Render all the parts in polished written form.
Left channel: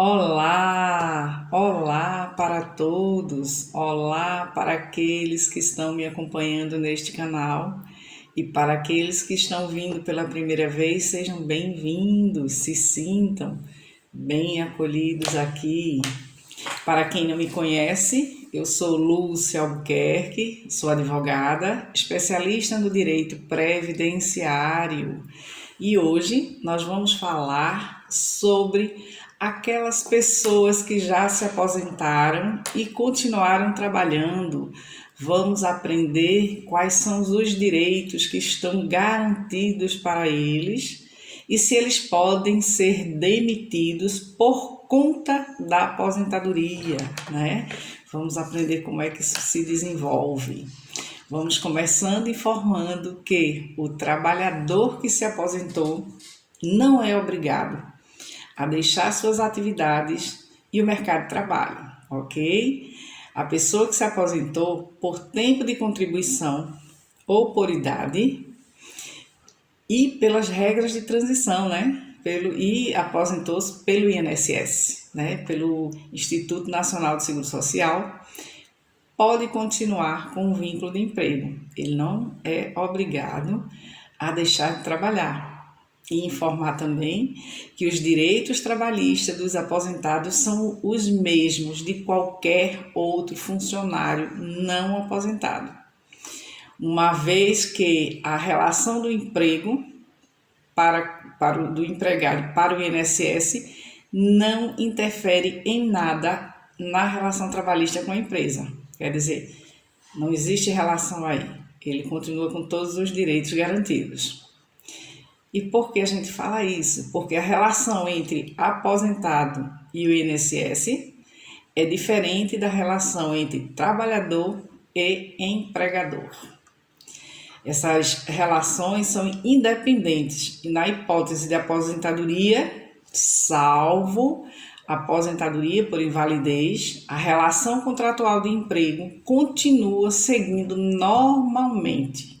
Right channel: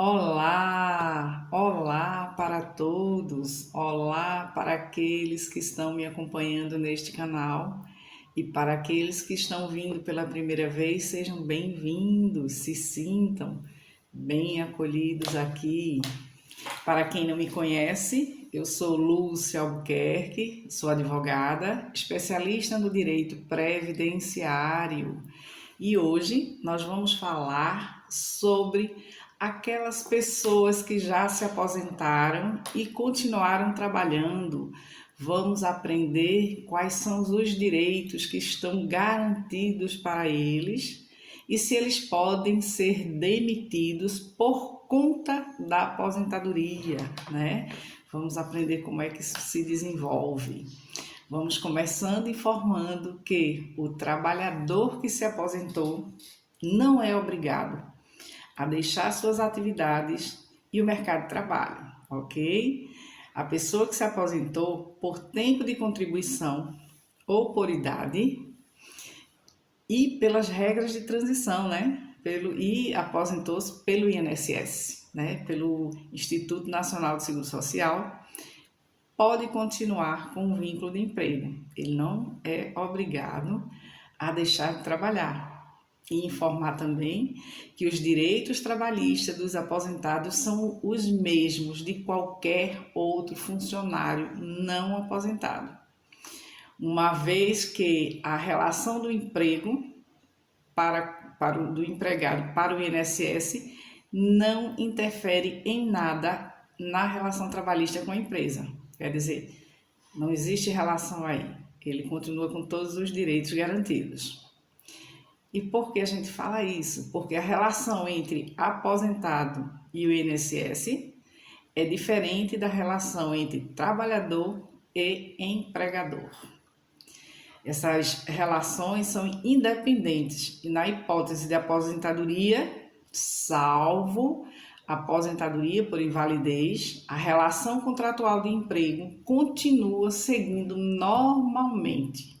Olá, olá para todos, olá para aqueles que estão me acompanhando neste canal e para aqueles que estão vindo pela primeira vez, sejam bem-vindos, se sintam bem acolhidos aqui. Para quem não me conhece, eu sou Lúcia Albuquerque, sou advogada, especialista no direito previdenciário e hoje nós vamos falar sobre aquelas pessoas que já se aposentaram e continuaram trabalhando. Vamos aprender quais são os direitos que estão garantidos para eles e se eles podem ser demitidos por conta da aposentadoria, né? Vamos aprender como é que isso se desenvolve. Vamos começando informando que o trabalhador que se aposentou não é obrigado a deixar suas atividades e o mercado de trabalho, ok? A pessoa que se aposentou por tempo de contribuição ou por idade e pelas regras de transição, né? E aposentou-se pelo INSS, né? Pelo Instituto Nacional de Seguro Social, pode continuar com o vínculo de emprego. Ele não é obrigado a deixar de trabalhar. E informar também que os direitos trabalhistas dos aposentados são os mesmos de qualquer outro funcionário não aposentado. Uma vez que a relação do emprego do empregado para o INSS não interfere em nada na relação trabalhista com a empresa. Quer dizer, não existe relação aí. Ele continua com todos os direitos garantidos. E por que a gente fala isso? Porque a relação entre aposentado e o INSS é diferente da relação entre trabalhador e empregador. Essas relações são independentes e, na hipótese de aposentadoria, salvo aposentadoria por invalidez, a relação contratual de emprego continua seguindo normalmente.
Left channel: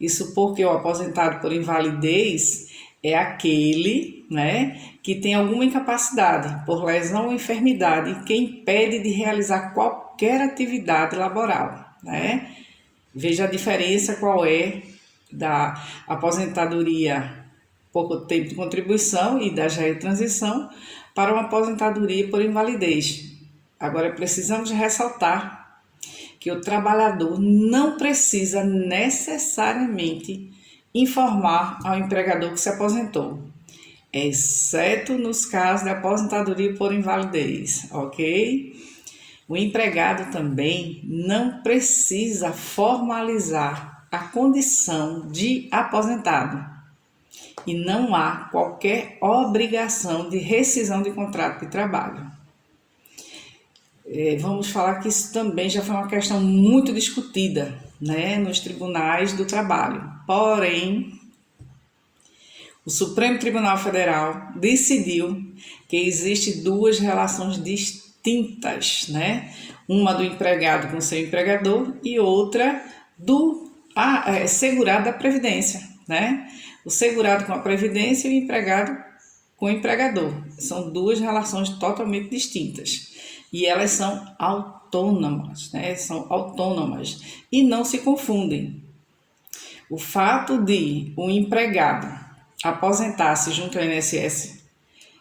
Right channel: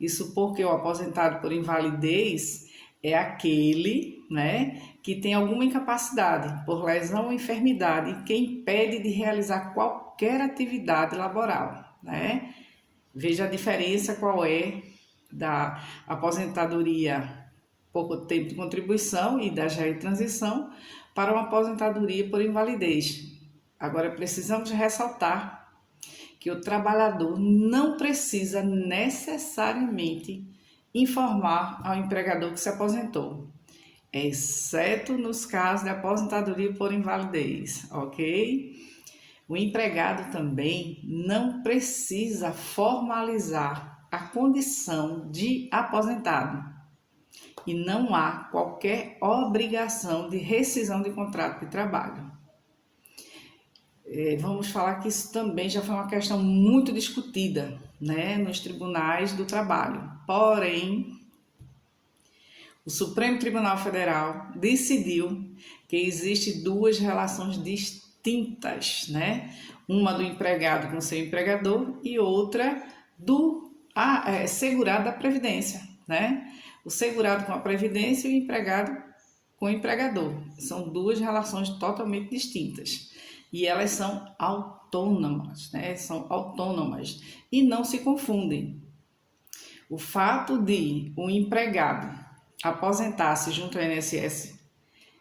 Isso porque o aposentado por invalidez é aquele, né, que tem alguma incapacidade por lesão ou enfermidade que impede de realizar qualquer atividade laboral, né? Veja a diferença qual é da aposentadoria por tempo de contribuição e da já transição para uma aposentadoria por invalidez. Agora precisamos ressaltar que o trabalhador não precisa necessariamente informar ao empregador que se aposentou, exceto nos casos de aposentadoria por invalidez, ok? O empregado também não precisa formalizar a condição de aposentado e não há qualquer obrigação de rescisão de contrato de trabalho. Vamos falar que isso também já foi uma questão muito discutida, né, nos tribunais do trabalho. Porém, o Supremo Tribunal Federal decidiu que existem duas relações distintas, né? Uma do empregado com seu empregador e outra do segurado da Previdência, né? O segurado com a Previdência e o empregado com o empregador. São duas relações totalmente distintas. E elas são autônomas, né? São autônomas e não se confundem. O fato de um empregado aposentar-se junto ao INSS,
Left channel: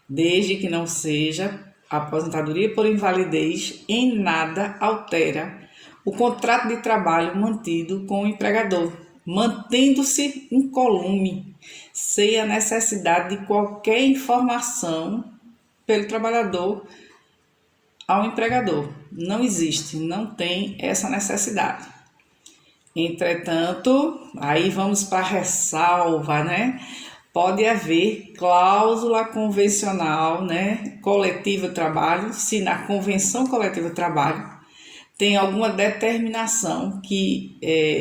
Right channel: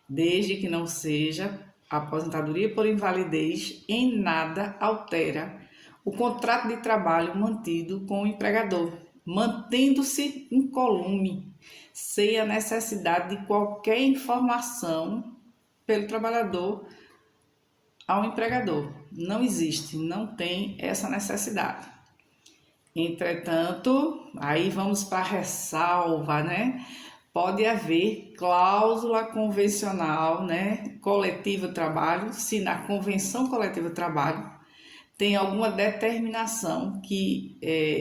desde que não seja aposentadoria por invalidez, em nada altera o contrato de trabalho mantido com o empregador, mantendo-se incolume, sem a necessidade de qualquer informação pelo trabalhador ao empregador. Não existe, não tem essa necessidade. Entretanto, aí vamos para a ressalva, né? Pode haver cláusula convencional, né, coletiva de trabalho, se na convenção coletiva de trabalho tem alguma determinação que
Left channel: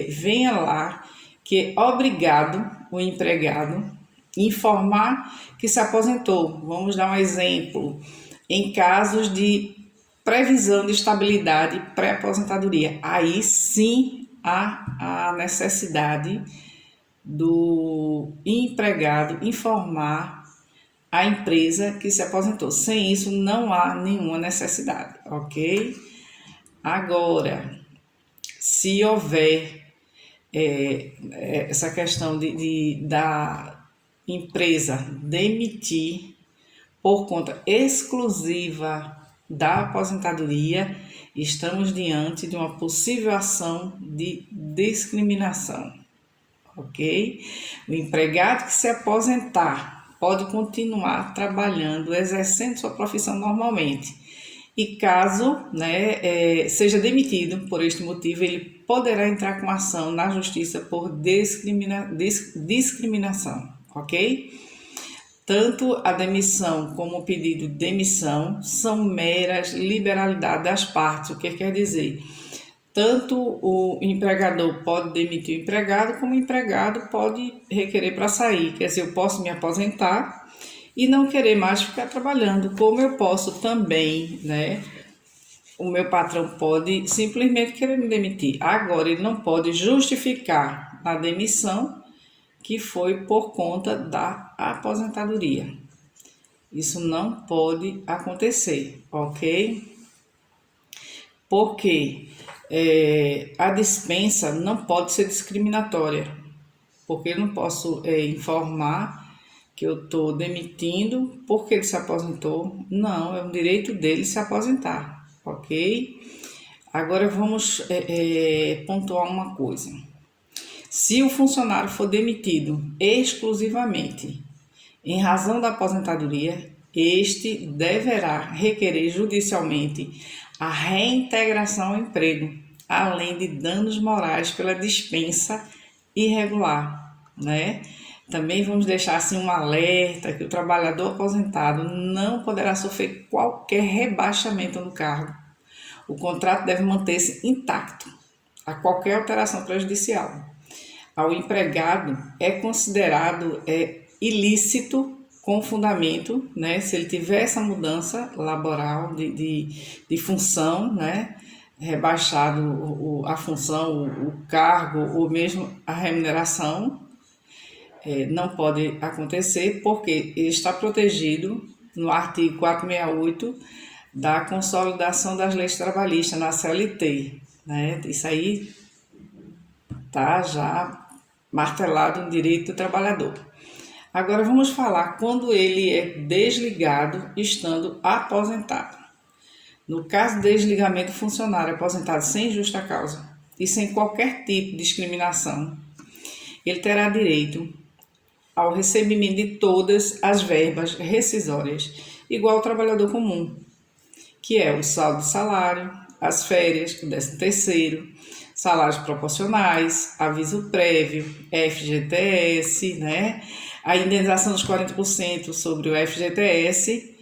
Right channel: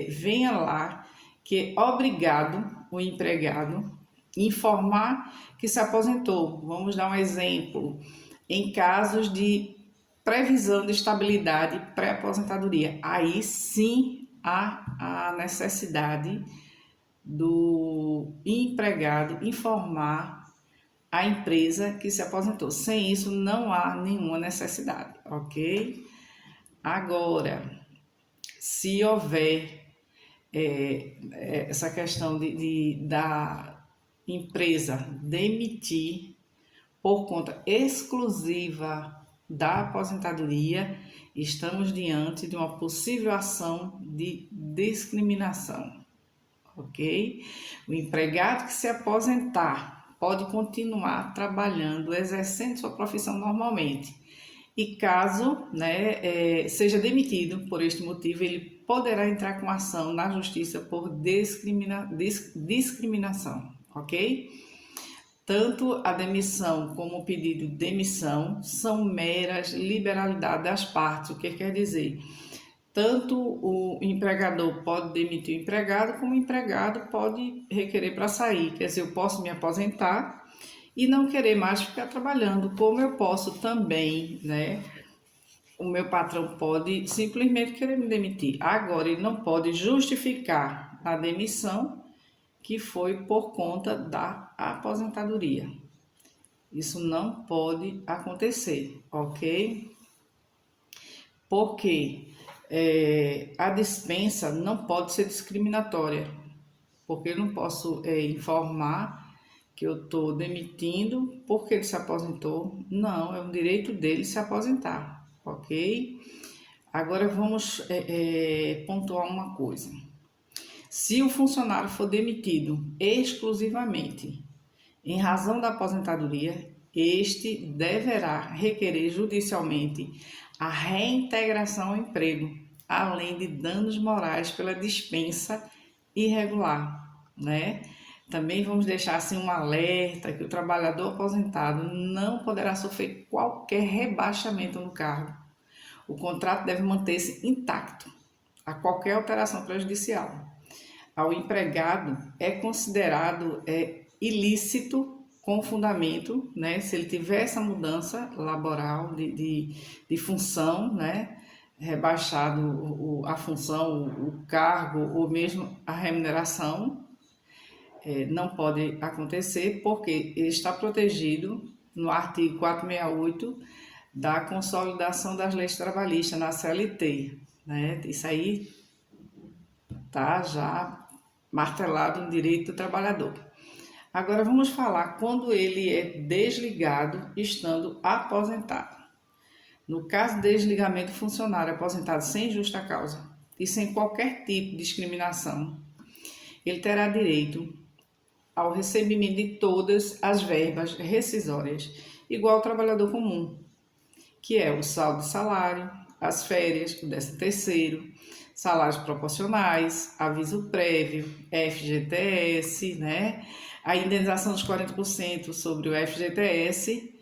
venha lá, que é obrigado o empregado informar que se aposentou. Vamos dar um exemplo. Em casos de previsão de estabilidade pré-aposentadoria, aí sim há a necessidade do empregado informar a empresa que se aposentou. Sem isso, não há nenhuma necessidade, ok? Agora, se houver essa questão da empresa demitir por conta exclusiva da aposentadoria, estamos diante de uma possível ação de discriminação, ok? O empregado que se aposentar pode continuar trabalhando, exercendo sua profissão normalmente. E caso seja demitido por este motivo, ele poderá entrar com ação na justiça por discriminação, ok? Tanto a demissão como o pedido de demissão são meras liberalidades das partes, o que quer dizer? Tanto o empregador pode demitir o empregado, como o empregado pode requerer para sair. Quer dizer, eu posso me aposentar e não querer mais ficar trabalhando, como eu posso também, né? O meu patrão pode simplesmente querer me demitir. Agora, ele não pode justificar a demissão que foi por conta da aposentadoria. Isso não pode acontecer, ok? Porque a dispensa não pode ser discriminatória, porque eu não posso informar que eu estou demitindo porque ele se aposentou. Não, é o direito dele se aposentar, ok? Agora vamos pontuar uma coisa. Se o funcionário for demitido exclusivamente em razão da aposentadoria, este deverá requerer judicialmente a reintegração ao emprego, além de danos morais pela dispensa irregular, né? Também vamos deixar assim um alerta que o trabalhador aposentado não poderá sofrer qualquer rebaixamento no cargo. O contrato deve manter-se intacto a qualquer alteração prejudicial. Ao empregado é considerado ilícito com fundamento, né? Se ele tiver essa mudança laboral de função, né? Rebaixado a função, o cargo ou mesmo a remuneração, não pode acontecer porque ele está protegido no artigo 468 da Consolidação das Leis Trabalhistas na CLT, né? Isso aí tá já martelado no direito do trabalhador. Agora vamos falar quando ele é desligado estando aposentado. No caso de desligamento do funcionário aposentado sem justa causa e sem qualquer tipo de discriminação, ele terá direito ao recebimento de todas as verbas rescisórias, igual ao trabalhador comum, que é o saldo de salário, as férias, o 13º, salários proporcionais, aviso prévio, FGTS, né? A indenização dos 40% sobre o FGTS.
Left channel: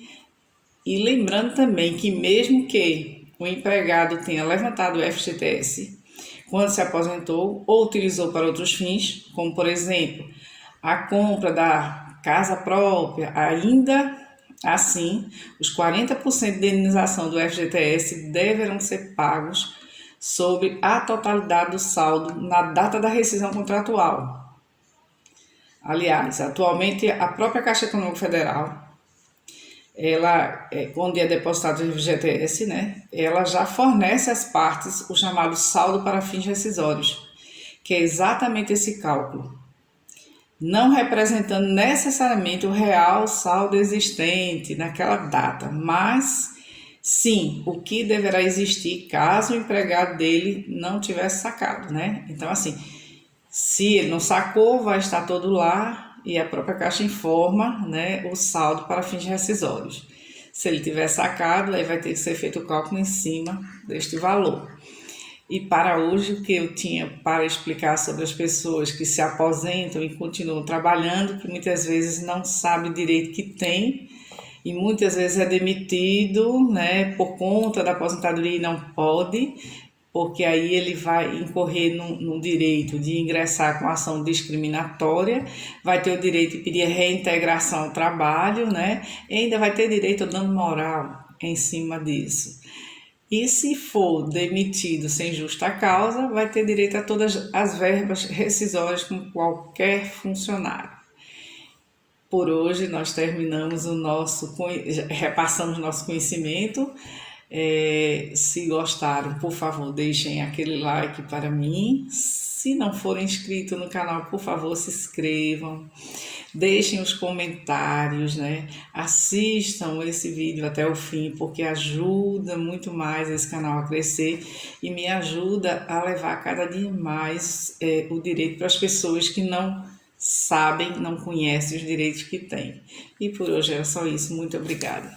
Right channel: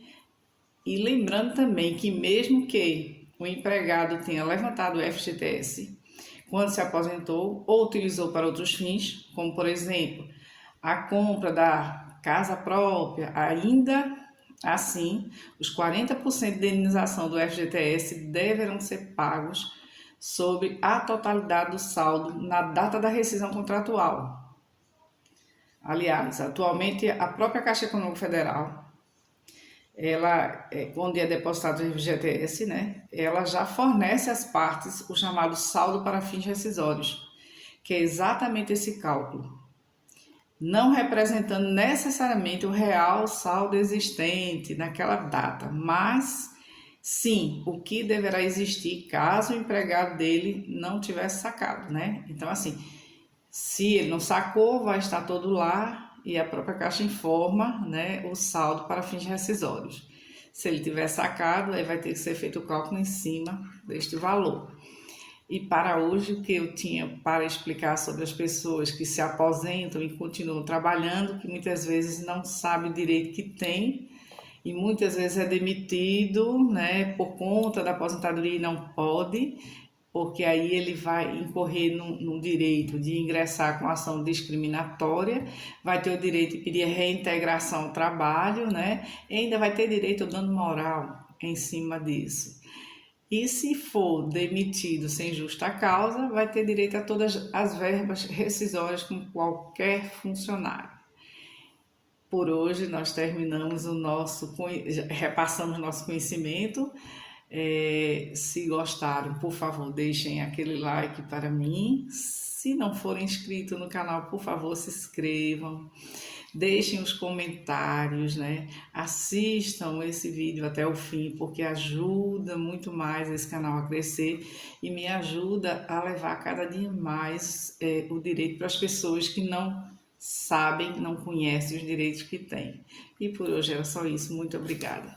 E lembrando também que mesmo que o empregado tenha levantado o FGTS quando se aposentou ou utilizou para outros fins, como por exemplo a compra da casa própria, ainda assim, os 40% de indenização do FGTS deverão ser pagos sobre a totalidade do saldo na data da rescisão contratual. Aliás, atualmente a própria Caixa Econômica Federal, ela, quando é depositado o FGTS, né, ela já fornece às partes o chamado saldo para fins rescisórios, que é exatamente esse cálculo, não representando necessariamente o real saldo existente naquela data, mas sim o que deverá existir caso o empregado dele não tivesse sacado, né? Então, assim, se ele não sacou, vai estar todo lá e a própria Caixa informa, né, o saldo para fins rescisórios. Se ele tiver sacado, aí vai ter que ser feito o cálculo em cima deste valor. E para hoje, o que eu tinha para explicar sobre as pessoas que se aposentam e continuam trabalhando, que muitas vezes não sabe o direito que tem e muitas vezes é demitido, né, por conta da aposentadoria e não pode, porque aí ele vai incorrer no direito de ingressar com ação discriminatória, vai ter o direito de pedir reintegração ao trabalho, né, e ainda vai ter direito ao dano moral em cima disso. E se for demitido sem justa causa, vai ter direito a todas as verbas rescisórias como qualquer funcionário. Por hoje nós terminamos repassamos nosso conhecimento. Se gostaram, por favor, deixem aquele like para mim. Se não forem inscritos no canal, por favor, se inscrevam. Deixem os comentários, né? Assistam esse vídeo até o fim, porque ajuda muito mais esse canal a crescer e me ajuda a levar cada dia mais o direito para as pessoas que não sabem, não conhecem os direitos que têm. E por hoje era só isso. Muito obrigada.